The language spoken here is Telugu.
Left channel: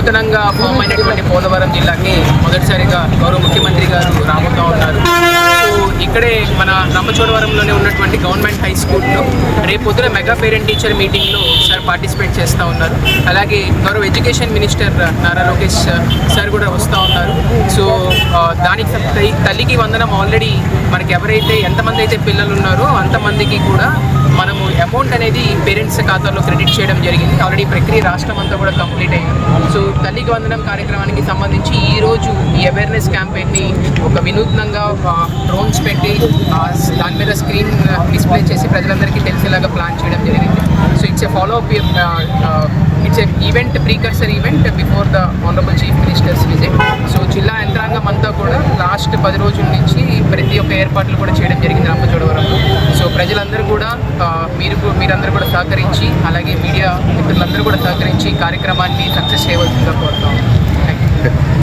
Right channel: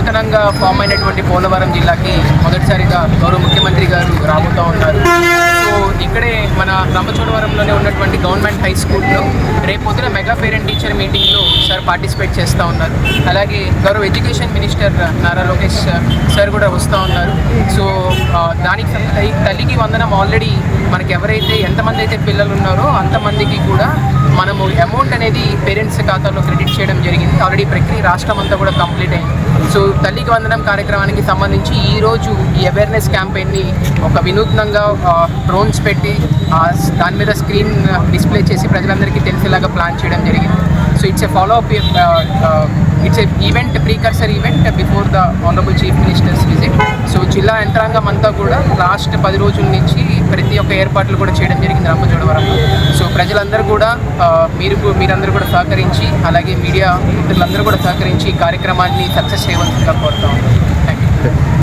నూతనంగా ఫామ్ అయినటువంటి పోలవరం జిల్లాకి మొదటిసారిగా గౌరవ ముఖ్యమంత్రి గారు రాబోతూ ఉన్నారు. సో ఇక్కడే మన రంపచోడవరంలోనే ఉన్నటువంటి గవర్నమెంట్ హై స్కూల్లో రేపు పొద్దున మెగా పేరెంట్ టీచర్ మీటింగ్లో సార్ పార్టిసిపేట్ చేస్తూ ఉన్నారు. అలాగే గౌరవ education minister Nara Lokesh sir కూడా వస్తూ ఉన్నారు. సో దానికి తల్లికి వందనం ఆల్రెడీ మనకి ఎవరైతే ఎంతమంది అయితే పిల్లలు ఉన్నారో అంతమందికి కూడా మనము అమౌంట్ అనేది పేరెంట్స్ ఖాతాలో క్రెడిట్ చేయడం జరిగింది. ఆల్రెడీ ప్రక్రియ రాష్ట్రం అంతా కూడా కంప్లీట్ అయింది. సో తల్లికి వందనం కార్యక్రమానికి సంబంధించి ఈరోజు ఈ అవేర్నెస్ క్యాంపెయిన్ని ఒక వినూత్నంగా డ్రోన్స్ పెట్టి దాని మీద స్క్రీన్ డిస్ప్లే చేసి ప్రజలందరికీ తెలిసేలాగా ప్లాన్ చేయడం జరిగింది. So it's a follow up it's a event precursor event before the honourable chief ministers visit. So జిల్లా యంత్రాంగం అంతా కూడా లాస్ట్ 10 రోజుల నుంచి ప్రతి ఒక్క ఏర్పాట్లు కూడా చేయడం జరిగింది రంపచోడవరంలో. సో ప్రజలందరూ కూడా మీరందరూ కూడా సహకరించి, అలాగే మీడియా మిత్రులందరూ కూడా సహకరించి ఈ కార్యక్రమాన్ని సక్సెస్ చేయవలసిందిగా కోరుతా ఉన్నాను. Thank you.